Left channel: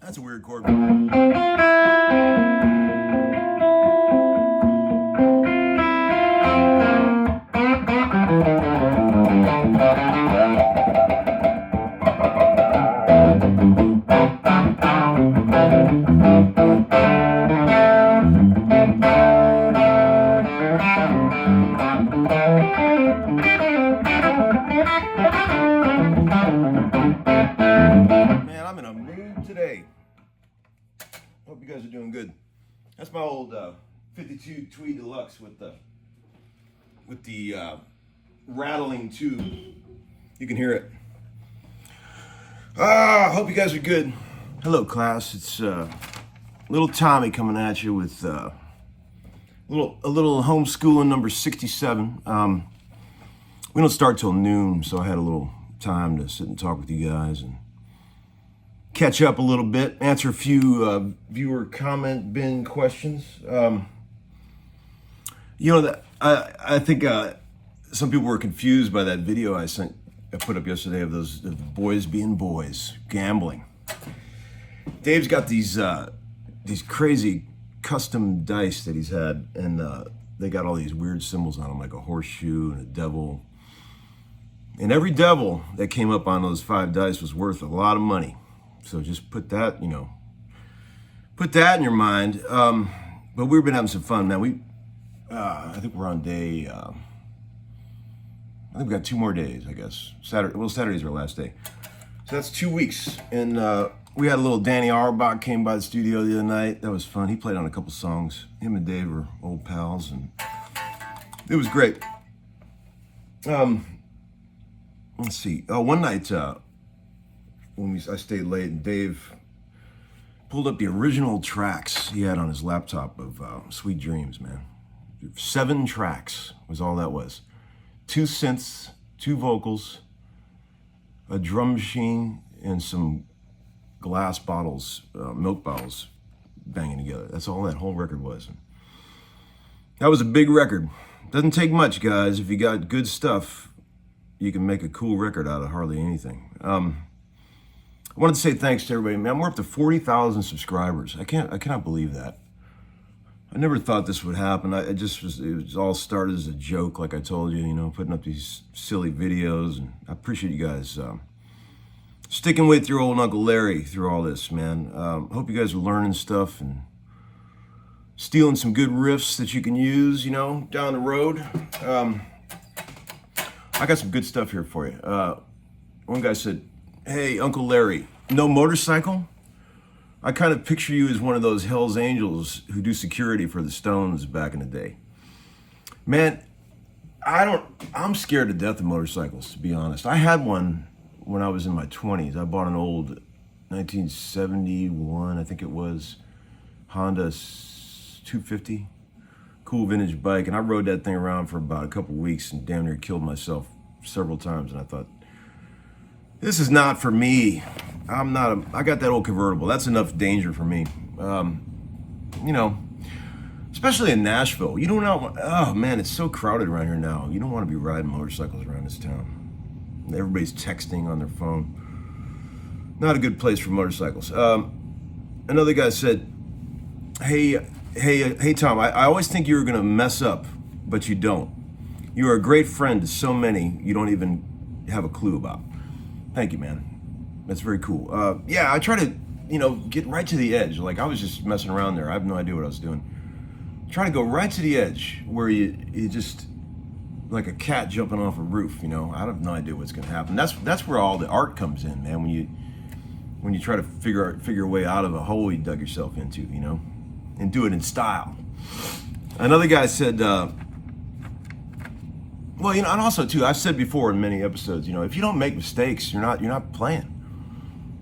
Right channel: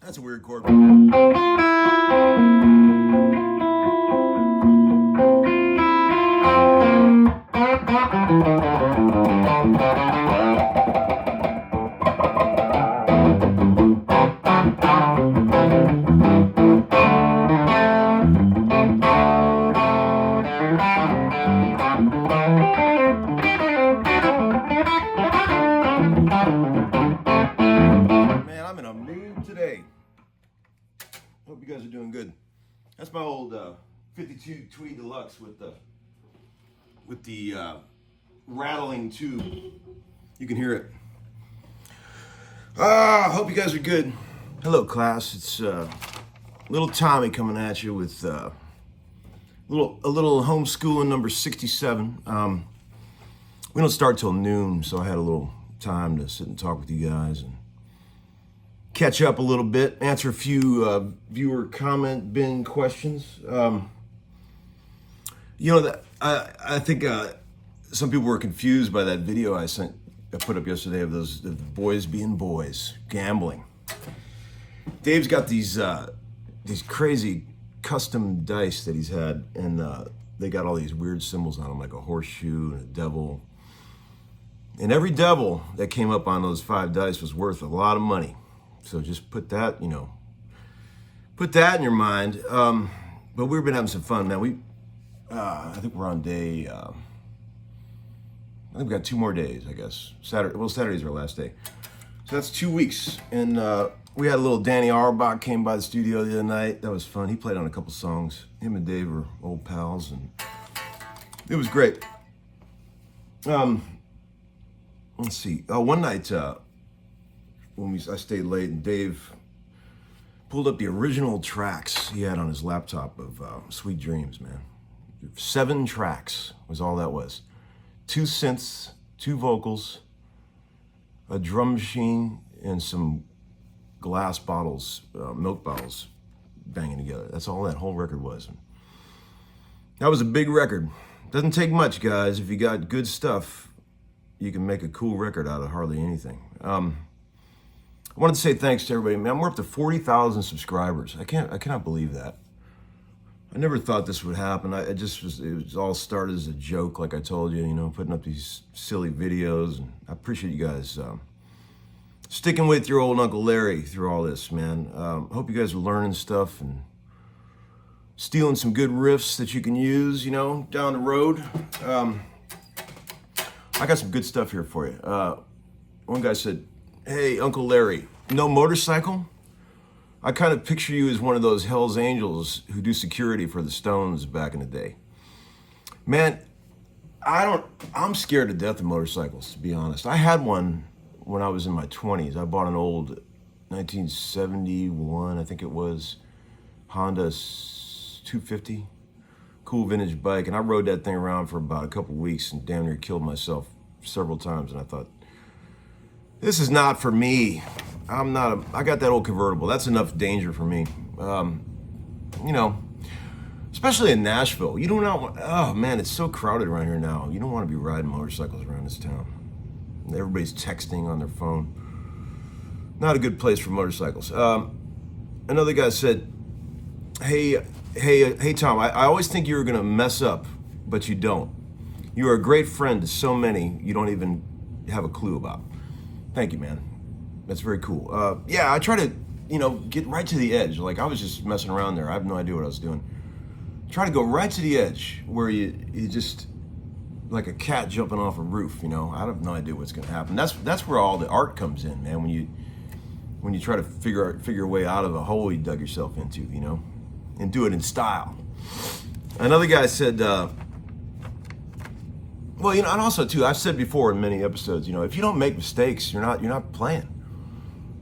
That's a weird chord. Man, I'm in a mood today. Hope you guys are doing good. That's my old 52 Tweed Deluxe with the rattling tube. You can hear it. Hope you guys are good. Hello, class. It's little Tommy coming at you with a little homeschooling number 67. We don't start till noon, so I had a little time to sit and talk with you guys and catch up a little bit, answer a few viewer comment bin questions. I think some people were confused by that video I put up yesterday of those boys being boys, gambling. Dave's got these crazy custom dice that he's had, and they got all these weird symbols on them, like a horseshoe and a devil. And every devil that came up on those 5 dice was worth a lot of money. So just put that in your mind. But we've been having some fun, man. I think we're on day, I think we got 2 more days, I guess. Saturday's our last day. So that's 2 weeks. And we had a little Danny Auerbach came by the studio the other night. That was fun. He played on a couple songs. Him and Dave are old pals, and it was great. Let's see. One night, I stayed late, and Dave pulled up the original tracks he had on his laptop of Sweet Dreams, man. 7 tracks was all that was. 2 synths, 2 vocals, a drum machine, and some glass bottles, milk bottles banging together. That's all that whole record was. And that was a big record. Doesn't take much, guys. If you got good stuff, you can make a cool record out of hardly anything. I wanted to say thanks to everybody, man. We're up to 40,000 subscribers. I cannot believe that. I never thought this would happen. It was all started as a joke, like I told you, putting up these silly videos. And I appreciate you guys sticking with your old Uncle Larry through all this, man. Hope you guys are learning stuff and stealing some good riffs that you can use, down the road. I got some good stuff here for you. One guy said, "Hey, Uncle Larry, no motorcycle? I kind of picture you as one of those Hell's Angels who do security for the Stones back in the day." Man, I'm scared to death of motorcycles, to be honest. I had one when I was in my 20s. I bought an old 1971, I think it was, Honda 250. Cool vintage bike, and I rode that thing around for about a couple weeks and damn near killed myself several times, and I thought, this is not for me. I got that old convertible. That's enough danger for me. Especially in Nashville. You don't know, oh man, it's so crowded around here now. You don't want to be riding motorcycles around this town. Everybody's texting on their phone. Not a good place for motorcycles. Another guy said, hey, Tom, I always think you were gonna mess up, but you don't. You are a great friend to so many you don't even have a clue about. Thank you, man. That's very cool. Yeah, I try to, get right to the edge. Like, I was just messing around there. I have no idea what I was doing. Try to go right to the edge where you just, like a cat jumping off a roof, I have no idea what's gonna happen. That's where all the art comes in, man, when you try to figure your way out of a hole you dug yourself into, and do it in style. Another guy said, well, and also too, I've said before in many episodes, if you don't make mistakes, you're not playing.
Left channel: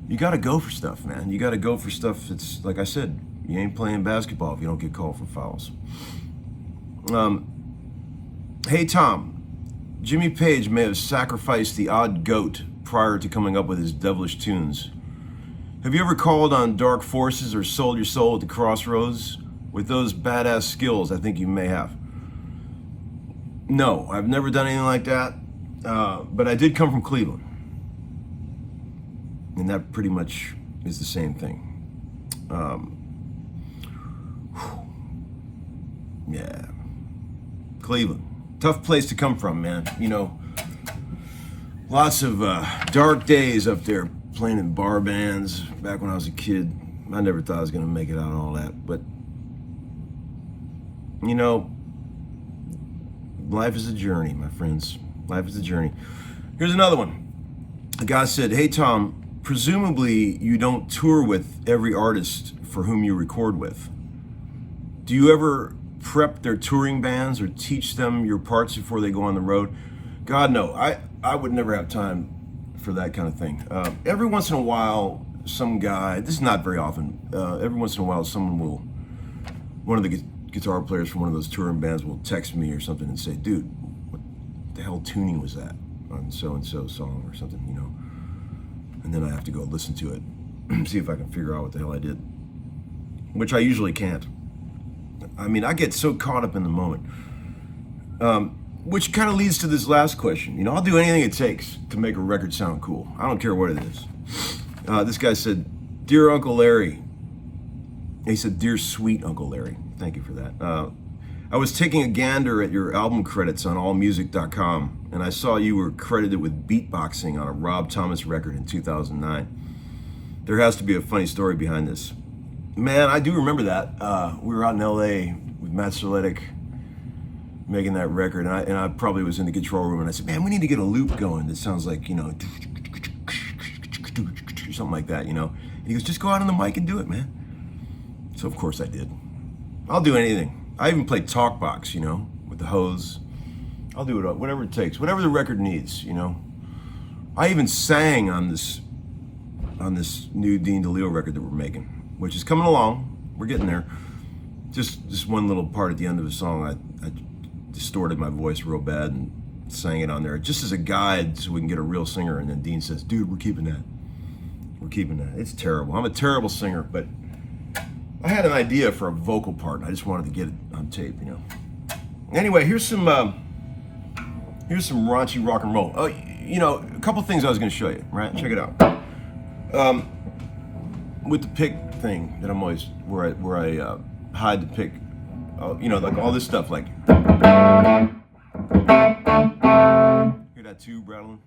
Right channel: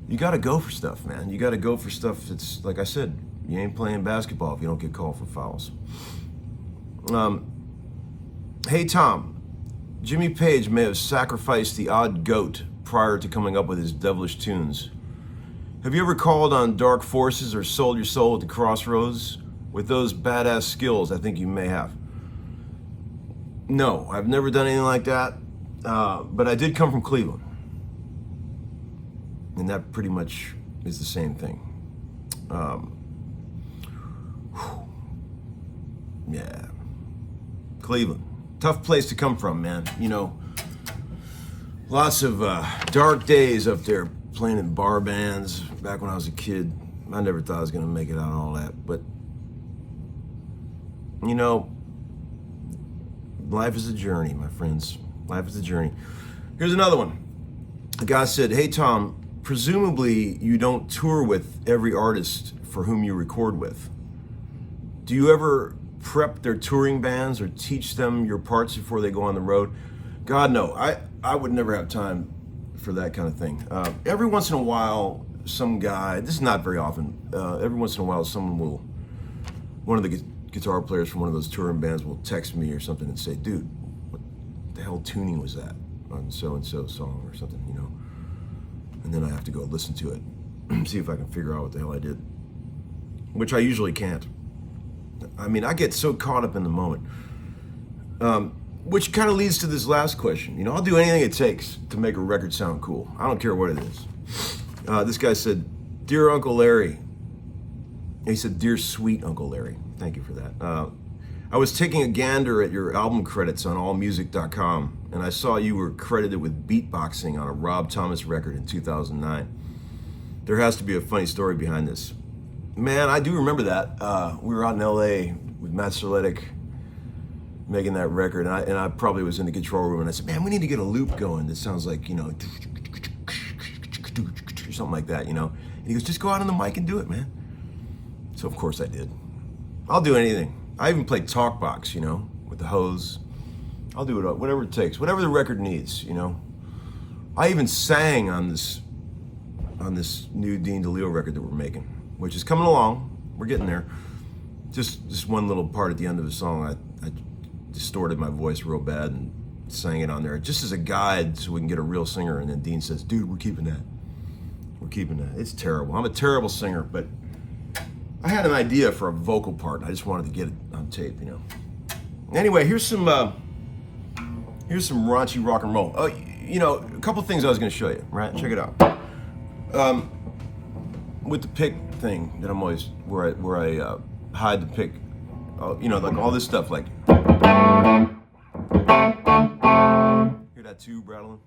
You got to go for stuff, man. You got to go for stuff that's, like I said, you ain't playing basketball if you don't get called for fouls. Hey, Tom, Jimmy Page may have sacrificed the odd goat prior to coming up with his devilish tunes. Have you ever called on dark forces or sold your soul at the crossroads? With those badass skills, I think you may have. No, I've never done anything like that, but I did come from Cleveland. And that pretty much is the same thing. Yeah, Cleveland, tough place to come from, man. Lots of dark days up there playing in bar bands back when I was a kid. I never thought I was gonna make it out of all that, but life is a journey, my friends. Life is a journey. Here's another one. A guy said, hey, Tom, presumably you don't tour with every artist for whom you record with. Do you ever prep their touring bands or teach them your parts before they go on the road? God, no. I would never have time for that kind of thing. Every once in a while, some guy, this is not very often, every once in a while one of the guitar players from one of those touring bands will text me or something and say, dude, what the hell tuning was that on so-and-so song or something, And then I have to go listen to it, see if I can figure out what the hell I did, which I usually can't. I mean, I get so caught up in the moment, which kind of leads to this last question. I'll do anything it takes to make a record sound cool. I don't care what it is. This guy said, dear Uncle Larry. He said, dear sweet Uncle Larry. Thank you for that. I was taking a gander at your album credits on allmusic.com, and I saw you were credited with beatboxing on a Rob Thomas record in 2009. There has to be a funny story behind this. Man, I do remember that. We were out in LA with Matt Serletic making that record, and I probably was in the control room, and I said, man, we need to get a loop going that sounds like, something like that, And he goes, just go out on the mic and do it, man. So of course I did. I'll do anything. I even play talkbox, with the hose. I'll do it, whatever it takes, whatever the record needs, I even sang on this new Dean DeLeo record that we're making, which is coming along. We're getting there. Just one little part at the end of the song, I distorted my voice real bad and sang it on there just as a guide so we can get a real singer. And then Dean says, dude, we're keeping that. We're keeping that. It's terrible. I'm a terrible singer, but I had an idea for a vocal part, and I just wanted to get it on tape, Anyway, here's some raunchy rock and roll. A couple things I was going to show you, right? Check it out. With the pick thing that I'm always where I hide the pick, like all this stuff, like hear that tube rattling.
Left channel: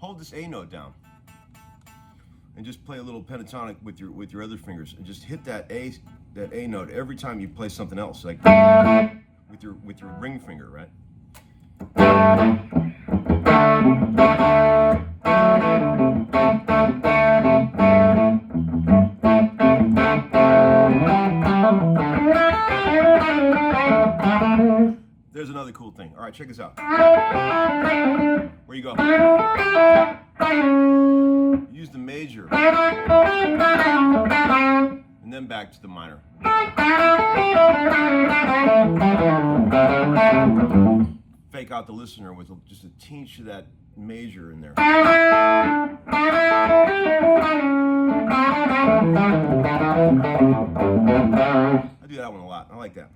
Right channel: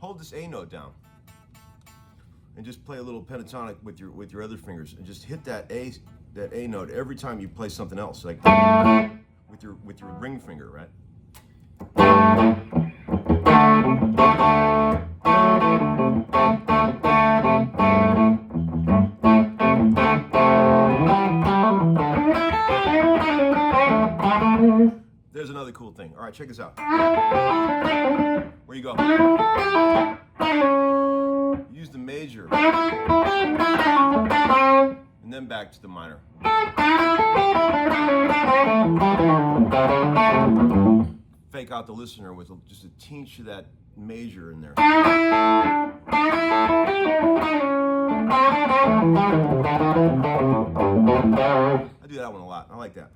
Hold this A note down. And just play a little pentatonic with your other fingers, and just hit that A note every time you play something else, like with your ring finger, right? There's another cool thing. All right, check this out. Where you go? Use the major, and then back to the minor. Fake out the listener with just a tinge of that major in there. I do that one a lot. I like that.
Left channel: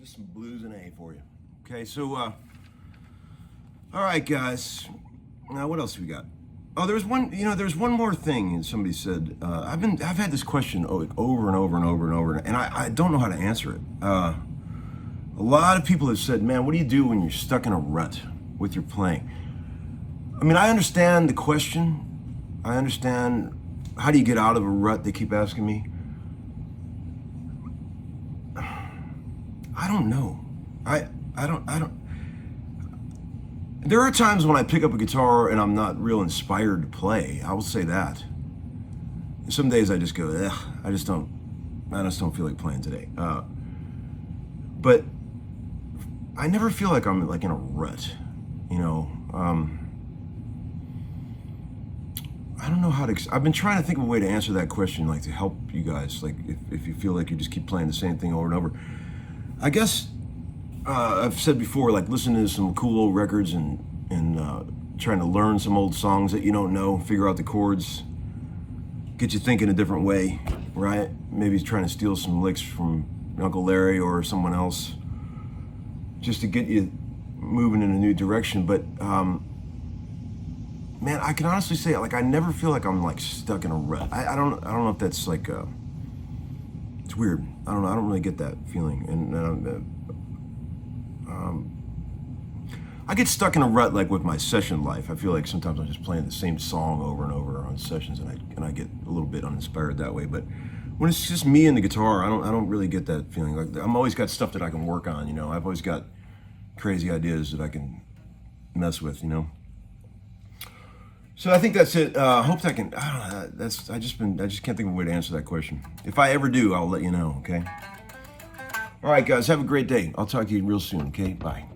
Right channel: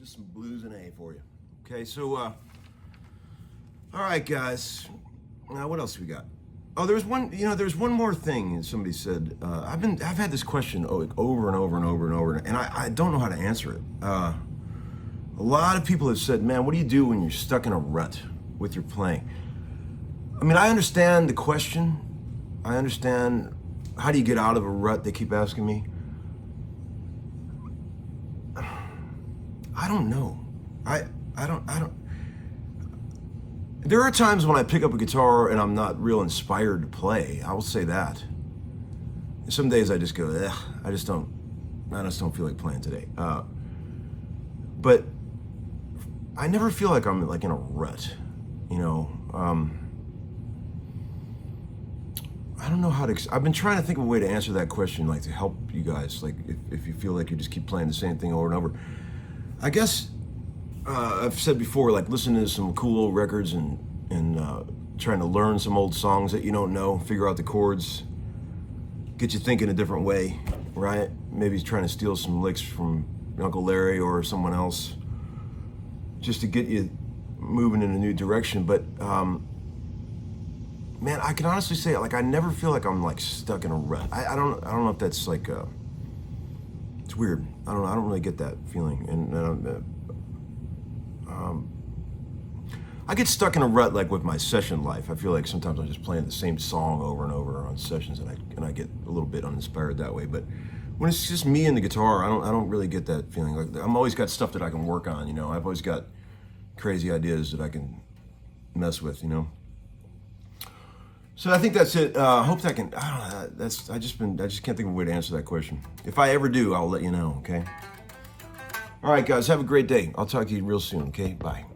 Just some blues and A for you. Okay, so all right, guys. Now, what else we got? Oh, there's one more thing. Somebody said I've had this question over and over and over and over, and I don't know how to answer it. A lot of people have said, "Man, what do you do when you're stuck in a rut with your playing?" I mean, I understand the question. I understand how do you get out of a rut. They keep asking me. I don't know. I don't. There are times when I pick up a guitar and I'm not real inspired to play. I will say that. Some days I just go, ugh, I just don't feel like playing today. But I never feel like I'm like in a rut, you know. I don't know how to. I've been trying to think of a way to answer that question, like to help you guys. Like if you feel like you just keep playing the same thing over and over. I guess I've said before, like listening to some cool old records and trying to learn some old songs that you don't know, figure out the chords, get you thinking a different way, right? Maybe trying to steal some licks from Uncle Larry or someone else, just to get you moving in a new direction. But man, I can honestly say, like, I never feel like I'm like stuck in a rut. I don't know if that's like it's weird. I don't really get that feeling. And I get stuck in a rut like with my session life. I feel like sometimes I'm just playing the same song over and over on sessions, and I get a little bit uninspired that way. But when it's just me and the guitar, I don't really get that feeling. Like I'm always got stuff that I can work on. You know, I've always got crazy ideas that I can mess with. You know. So I think that's it. Hope that can. I don't know. I just can't think of a way to answer that question. If I ever do, I'll let you know. Okay. All right, guys. Have a great day. I'll talk to you real soon. Okay. Bye.